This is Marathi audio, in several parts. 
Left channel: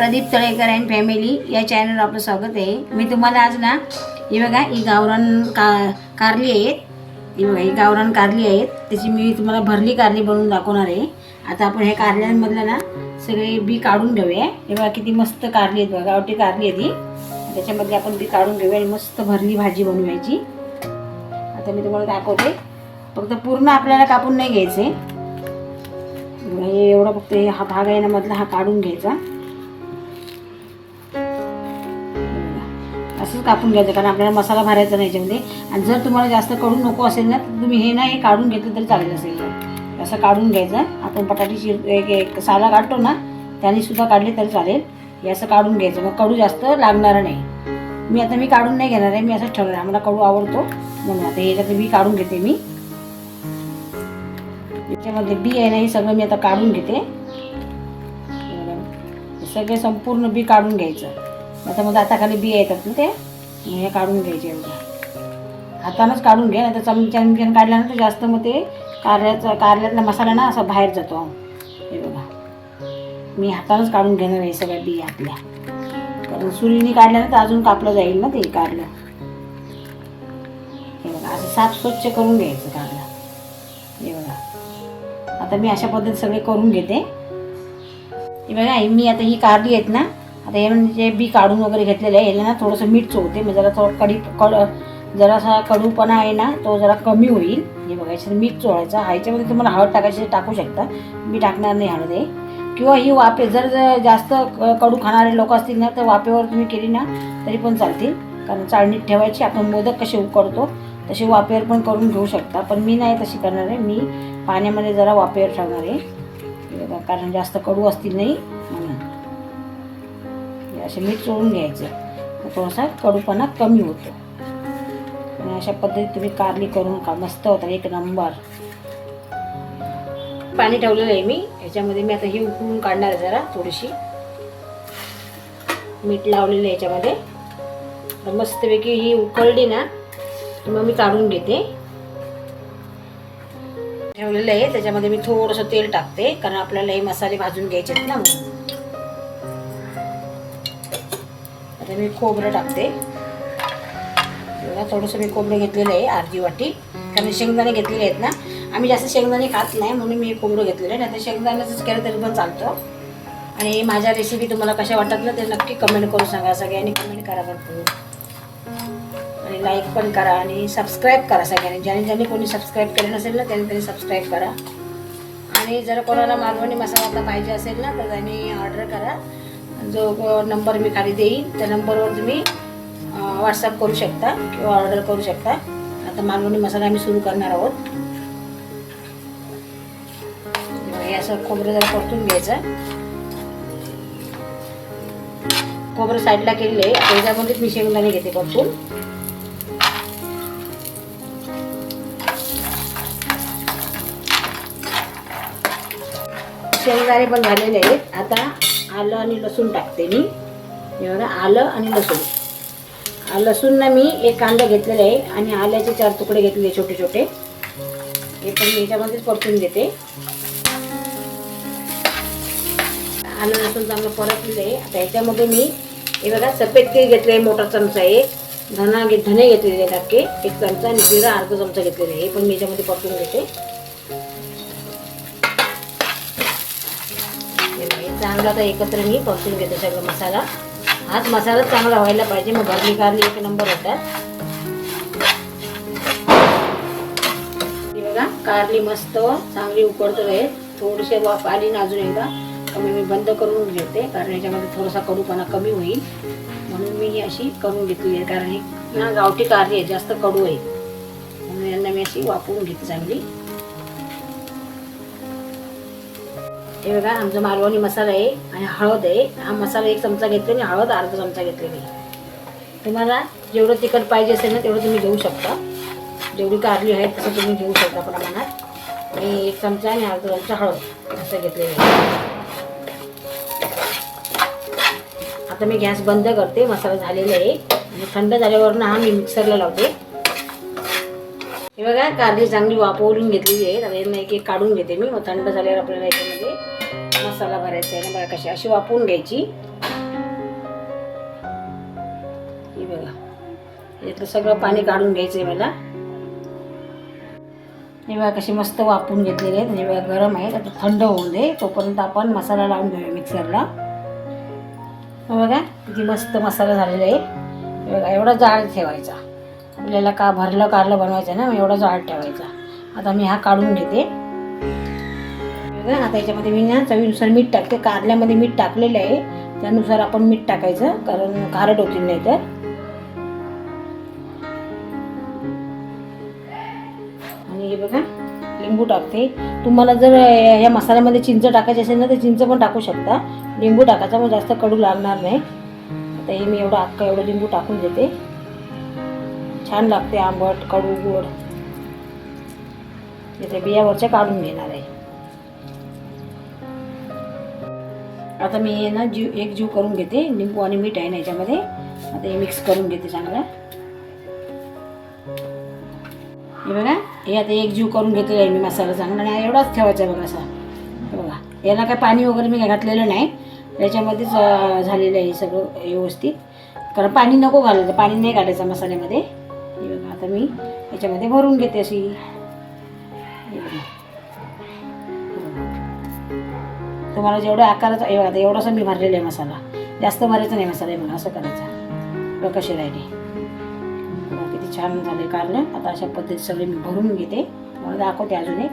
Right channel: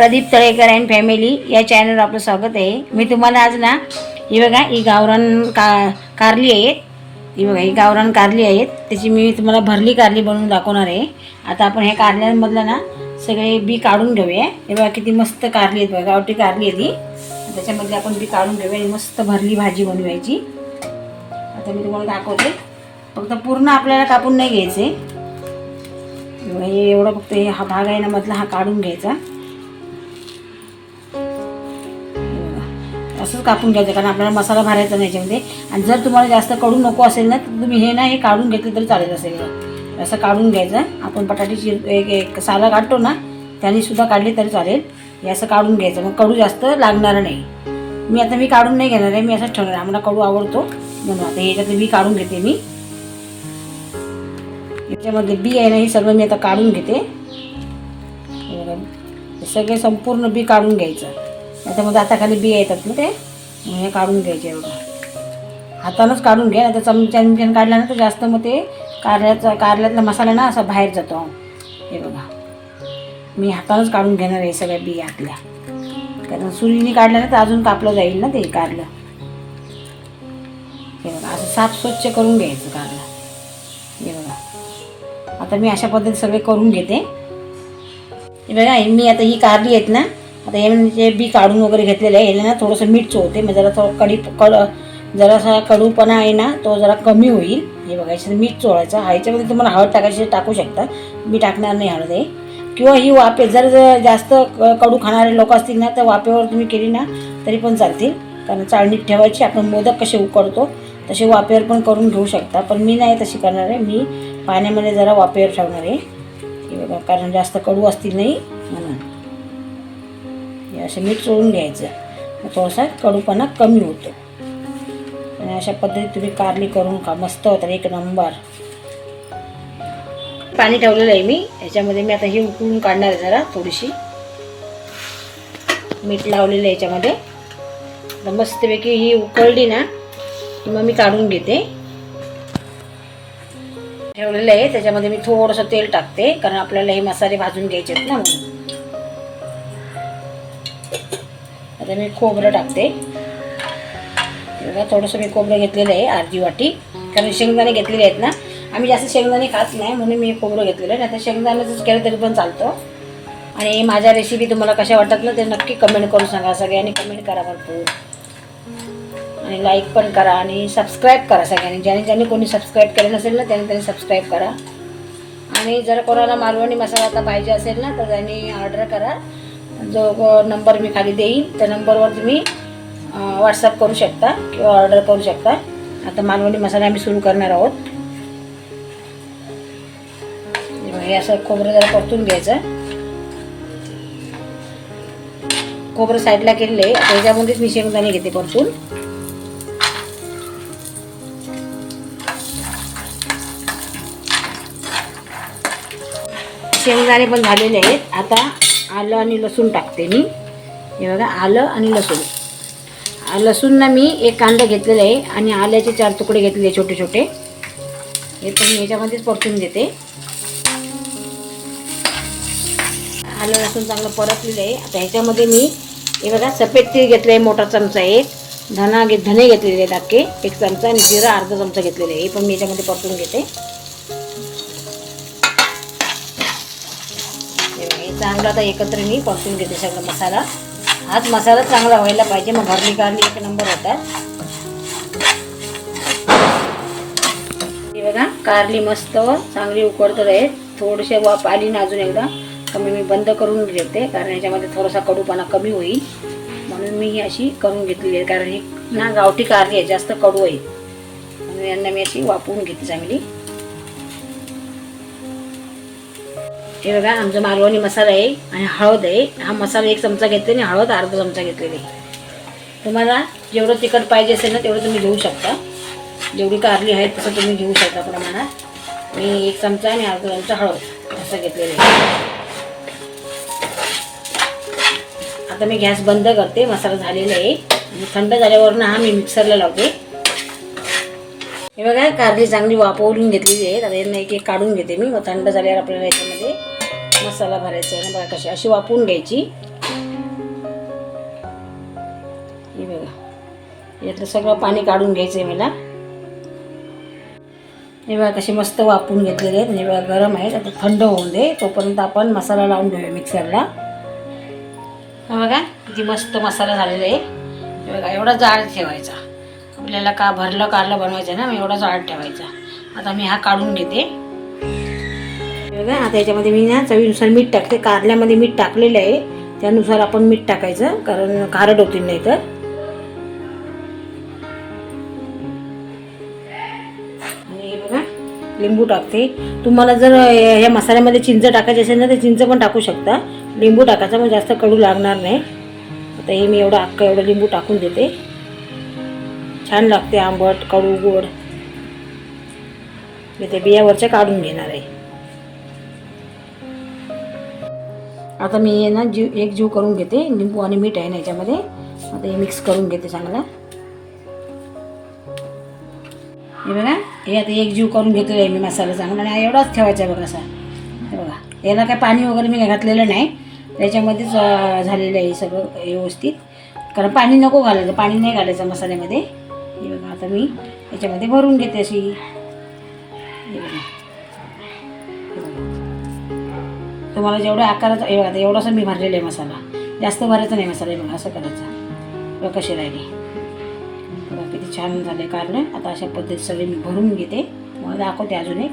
प्रदीप तळेकर अँड फॅमिली या चॅनलवर आपलं स्वागत आहे. मी तुम्हाला आज ना ही बघा ही गावरान का कारली आहेत. ही बघा ही गावरान कारली आहेत. त्याची मी तुम्हाला भरली कारली बनवून दाखवणार आहे. आता आपण ह्या कारल्यांमधलं ना सगळे बी काढून घेऊया. हे बघा किती मस्त कारली आहेत बघा गावठी कारली आहे ती त्याच्यामध्ये आपण बी काढून घेऊया ही मस्त भरली भाजी बनवायची. आता मी तुम्हाला दाखवते. फक्त पूर्ण आपल्याला कापून नाही घ्यायचे. हे एवढं फक्त हे हा भाग आहे ना मधला हा काढून घ्यायचा. असंच कापून घ्यायचं कारण आपल्याला मसाला भरायचा नाही याच्यामध्ये. आणि जर तुम्हाला जास्त कडू नको असेल ना तर तुम्ही हे ना हे काढून घेतलं तरी चालेल असेल असं काढून घ्यायचं. आपण बटाटे चिर एक एक साला काढतो ना त्याने सुद्धा काढली तरी चालेल. हे असं काढून घ्यायचं. मग कडू जास्त लागणार नाही. मी आता मी काढून नाही घेणार आहे मी असंच ठेवणार आहे. आम्हाला कडू आवडतो. म्हणून आता ह्याच्यात मी काढून घेते मी. याच्यामध्ये बी आहे ना हे सगळं मी आता काढून घेते. सगळे संपूर्ण बी काढून घ्यायचं. त्याच्यामध्ये आता खाली बी येतात ना ते. हे काढून घ्यायचे एवढं. हातानंच काढून घ्या नाही तर चमच्या चमच्यानं काढला ना तर जास्त मग ते कारल्याचा कारल्यातला मसाला ना असा बाहेर जातो. हे बघा. मी हातानंच काढून घेणार आहे सगळ्या बिया आपल्या कारण सुरीने काढलं ना तर अजून कापलं जाईल ना ते कारलं. हे बघा असं साफ स्वच्छ करून घ्यायचं कारलं. हे बघा. आता मी अशा पद्धतीत सगळे करून घेते. हे बघा मी आता ही कारली आहेत ना आता हे म्हणजे बी काढून वगैरे घेतलेलं आहे याला ना थोडंसं मीठ चोळते मग म्हणजे जरा थोडं कडी कड जरासा कडूपणा आहे ना तो जरा कमी होईल. हे बघायचं मीठ चोळायचं. हा याच्यामध्ये तुम्हाला हळद टाकायची टाकू शकता. मी टाकणार नाही हळद आहे किंवा ही वाफे जर जास्त क- कडू खाणारे लोक असतील ना तर वाफेवर तुम्ही केली ना तरी पण चालतील. कारण चाळणीत ठेवायची आपण मोदक कसे उकडतो तसे वाफेवर पण करून घेऊ शकता. पण मी नाही तशी करणार आहे. मी पाण्यामध्ये जरा वाफेवर ठेवणार आहे. हे बघा कारण जास्त कडू असतील नाही. म्हणून. म्हणजे असं मीठ चोळून घ्यायचं थोडासा कडूपणा कमी होतो. आणि अशा पद्धतीत तुम्ही कारली करून का मस्त होतात एक नंबर. पाणी ठेवलेलं आहे मी. याच्यामध्ये मी आता ही उकळून काढणार आहे जरा थोडीशी. मीठ लावलेलं आहे याच्यामध्ये. मस्तपैकी ही उकळली ना की मग मी काढून घेते. ठेवलेलं आहे. त्याच्यामध्ये मी थोडंसं तेल टाकते कारण आपल्याला हे मसाले भाजून घ्यायचे आहेत ना म्हणून मी खोबरं टाकते. बघा थोडंसं मी खोबरं घेतलेलं आहे अर्धी वाटी. कारण शेंगदाणे घेतलेले आहेत ना आम्ही जास्त शेंगदाणे खात नाही म्हणून मी खोबरं घेतलेलं आहे. नाही शेंगदाण्याचंच केलं तरी पण चालतं. आणि माझ्या रेसिपी तुम्हाला कशा वाटतात ना ते नक्की कमेंट करून सांगा सगळ्यांनी. कमेंट करा भरपूर. आणि लाईक पण करा आणि सबस्क्राईब करा सगळ्यांनी. ज्याने ज्याने कोणी सबस्क्राईब केलं नसेल ना त्याने त्याने सबस्क्राईब करा. आणि जर कोणाला मालवणी मसाला आता पाहिजे असेल ना तर त्यांनी ऑर्डर करा. जो नंबर मी खाली देईन त्या नंबरवर तुम्ही व्हॉट्सअप करू शकता किंवा ऑर्डर करू शकता. आता मालवणी मसाले आम्ही सुरू करणार आहोत. हे असं खोबरं जरा परतून घ्यायचं. खोबरं साईडला केलेलं आहे त्याच्यामध्येच मी शेंगदाणे घेते परतून. शेंगदाणे पण झालेले आहेत. आता आलं आणि लसूण टाकते मी. हे बघा आलं आणि लसूण. आ, लसूण ना मी एक कांदा घेतलेला आहे आणि आल्याचे चार तुकडे घेतलेले छोटे छोटे. हे पण मी याच्यामध्येच परतून घेते. आलं लसूण चांगलं परतलेलं आहे. आता ह्याच्यामध्ये मी हे बघा सफेद तीळ घेतलं आहे मोठा चमचा एक. धना घे धने घेतलेले आहेत अख्खे एक चमचा आणि जिरा अर्धा चमचा घेतलेला आहे. हे पण मी याच्यामध्ये परतून घेते हे बघा, हे चांगला. आता एकत्र मी परतून घेते सगळं मसाला. हाच मसाला चांगला व्हायला पाहिजे. मग भरली कारली एक नंबर होतात हे बघा कारली मस्त चांगली उकडत आहे थोडीशी वाफ आली ना अजून एकदा कमी मी बंद करून घेते कारण याच्यामध्ये थोडासा कडूपणा कमी होईल. म्हणून मी ही अशी करून घेतलेली आहे कारण ही ना गावठी कारली आहे जास्त कडू आहे. म्हणून यांना मी अशी वापरून घेते चांगली. हे बघा आमचा मालवणी मसाला आहे आणि हळद आहे. हा मसाला एक चमचा घेतले आणि हळद अर्धा चमचा घेतलेली आहे. तुम्हाला जेवढं तिखट पाहिजे असेल ना तेवढं तुम्ही घेऊ शकता. जेवढी कारली आहे तसं तुम्ही घेऊ शकता प्रमाणात. मी एक चमचा आणि अर्धा चमचा हळद असं घेतलेलं आहे. आता मी गॅस बंद करते मसाला झालेला आहे. आणि थंड झाल्यावर ना हा मी मिक्सरला लावते. हे बघा कारली चांगली वापरून घेतलेली आहे आता यांना एक एक काढून घेते मी. मग थंड झाल्यावर आपल्याला याच्यामध्ये मसाला भरायचा आहे ना. बघा कशी अशी वापरून घ्यायची. ही बघा. यातलं सगळं पाणी काढून घ्यायचंय मला. हे बघा कशी मस्त वापरून घेतलेली आहेत. म्हणजे बघा गरम आहेत. आता थंड होऊन दे. तोपर्यंत आपण मसाला लावून घेऊया मिक्सरला. बघा किती मस्त मसाला झालेला आहे. हे बघा एवढा जाड ठेवायचा. आपल्याला का भरलं कारलं बनवायचं ना मग एवढा जाड ठेवायचा. आता मी हा काढून घेते. आता याच्यामध्ये मी ना चवीनुसार मीठ टाकते. कारल्यामध्ये मीठ टाकलेलं आहे. त्यानुसार आपण मीठ टाकायचं कारण खारट होतील नाही तर आणि हे बघा लिंबू टाकते. तुम्हाला जर ह्या मसाल्यामध्ये चिंच टाकायची असेल ना तर चिंच पण टाकू शकता. लिंबू टाकायचा मग जास्त कडू लागणार नाही. आता हे मी एवढं अख्खं एवढं लिंबू टाकून देते. छान लागते आंबट कडू गोड. मी ते बियावरच्या काढून घेणार आहे. आता मी ना जीव एक जीव करून घेते लिंबू आणि मीठ आहे ना याच्यामध्ये. आता हे मिक्स करून घेते चांगलं. हे बघा हे आता एक जीव करून घेतलेला आहे मी मसाला चांगला. आणि एवढाच ठेवायचा आहे बघा असा. हे बघा याला काय पाणी वगैरे मी काय घातलेलं नाही. त्याच्यामध्येच झालेलं आहे सगळं व्यवस्थित. कारण पाणी नको घालायचं पाणी नाही घालायचं मसाल्यामध्ये. हे बघा आता मी याच्यामध्ये भरून घेते अशी. हे बघा. तुम्हाला जेवढा आकाराचा हे बघा आता एवढासा मी भरलेला आहे मसाला. जास्त भरायचा नाही मसाला हे बघा असं करायचा. बघा कशी राहिली. बघा किती छान झाले कारले आता अशा पद्धतीत सगळे मी भरून घेते. मला दाखवते अजून एक.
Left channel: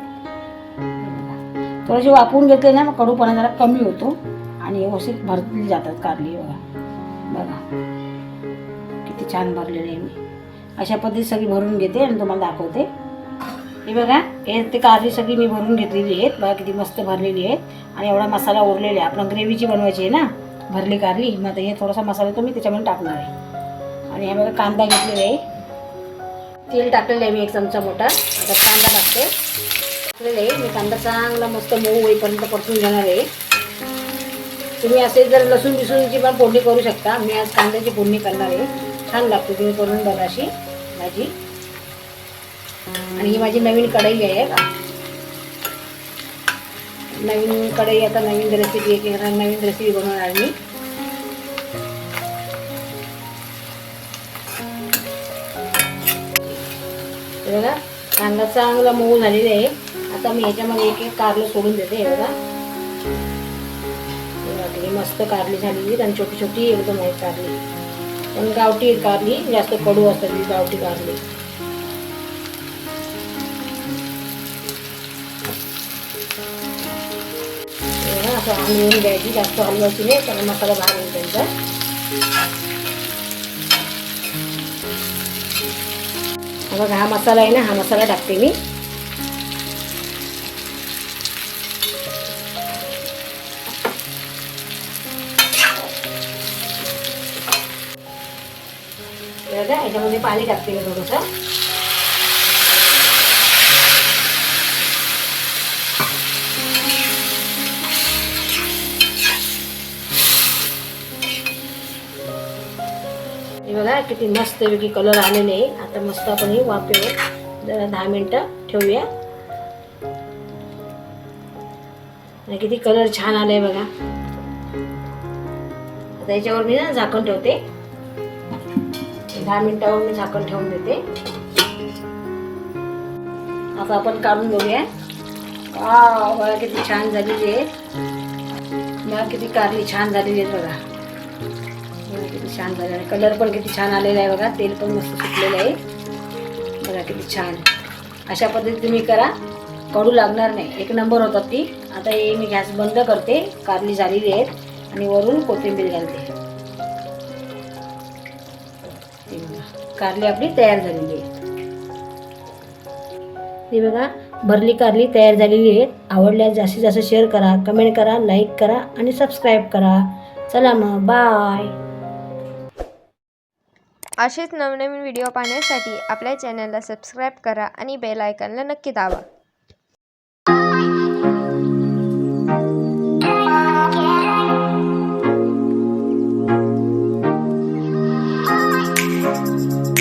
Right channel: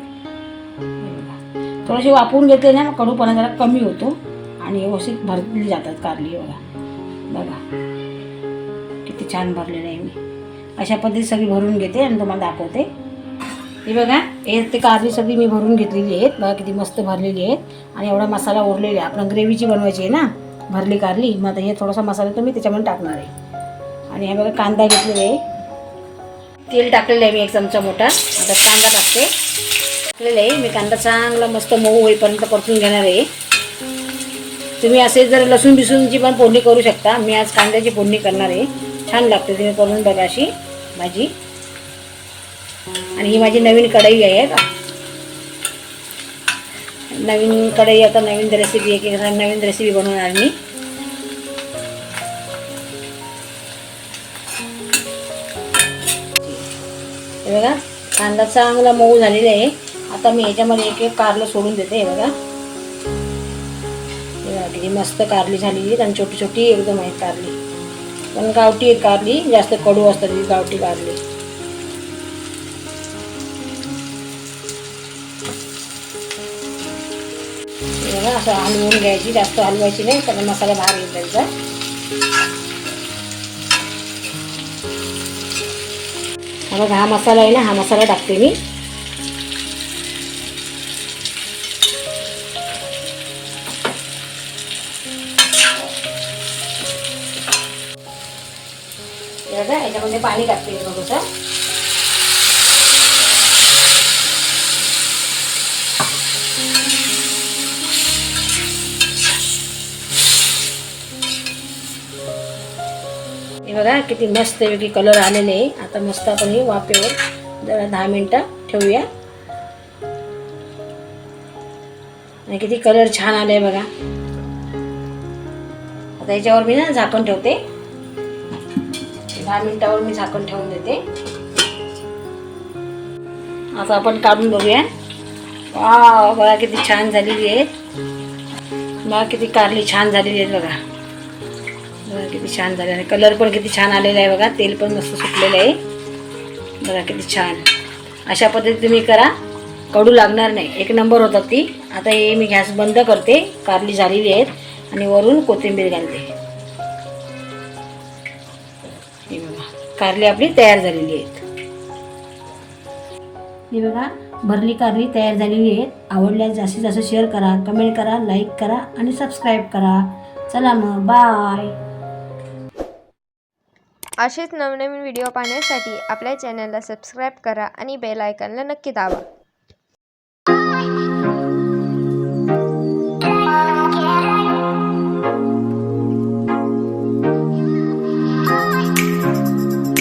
थोडेसे वापरून घेतले ना मग कडूपणा जरा कमी होतो. आणि व्यवस्थित भरली जातात कारली बघा. बघा. किती छान भरलेलं आहे मी अशा पद्धतीत सगळी भरून घेते आणि तुम्हाला दाखवते. हे बघा हे ते कारली सगळी मी भरून घेतलेली आहेत. बघा किती मस्त भरलेली आहेत. आणि एवढा मसाला ओढलेला आहे. आपण ग्रेव्हीची बनवायची आहे ना भरली कारली मग आता हे थोडासा मसाला तो मी त्याच्यामध्ये टाकणार आहे. आणि हे बघा कांदा घेतलेला आहे. तेल टाकलेलं आहे मी एक चमचा मोठा. आता कांदा टाकते. टाकलेलं आहे. मी कांदा चांगला मस्त मऊ होईपर्यंत परतून घेणार आहे. तुम्ही असे जर लसूण बिसूनची पण फोडणी करू शकता. मी आज कांद्याची फोडणी करणार आहे. छान लागते तुम्ही करून बघा अशी भाजी. आणि ही माझी नवीन कढई आहे. का नवीन कढई आता नवीन रेसिपी एक एक नवीन रेसिपी बनवणार मी. बघा कांदा चांगला मऊ झालेला आहे. आता मी ह्याच्यामध्ये एक एक कारलं सोडून देते हे बघा. मस्त कारली झालेली आणि छोटी छोटी एकदम आहे कारली. पण गावठी कारली जास्त कडू असतात ही गावठी कारली हे असं हलवून घ्यायची जास्त हलवायची नाही कारण मसाला भार येईल त्यांचा. हा बघा हा मसाला आहे ना हा मसाला टाकते मी. हे याच्यामध्ये पाणी टाकते मी थोडंसं हे बघा किती मस्त वेगळी कलर आलेले आहे. आता मस्त आपण ही वाफेवर जरा दहा मिनटं ठेवूया. आणि किती कलर छान आले बघा. आता याच्यावर मी ना झाकण ठेवते. दहा मिनिटावर मी झाकण ठेवून देते. आता आपण काढून बघूया. वा बघा किती छान झालेली आहे. बघा किती कारली छान झालेली आहेत बघा. बघा किती छान झाले आणि कलर पण किती छान आलेला आहे बघा. तेल पण मस्त सुटलेलं आहे. बघा किती छान. अशा पद्धतीने तुम्ही करा. कडू लागणार नाही. एक नंबर होतात ती. आता हे मी गॅस बंद करते. कारली झालेली आहेत. आणि वरून कोथिंबीर घालते. कारली आपली तयार झालेली आहेत. हे बघा भरली कारली तयार झालेली आहेत. आवडल्यास जास्तीत जास्त शेअर करा कमेंट करा लाईक करा आणि सबस्क्राईब करा. चला मग बाय असेच नवनवीन व्हिडिओ पाहण्यासाठी आपल्या चॅनलला सबस्क्राईब करा आणि बेल आयकनला नक्की दाबा.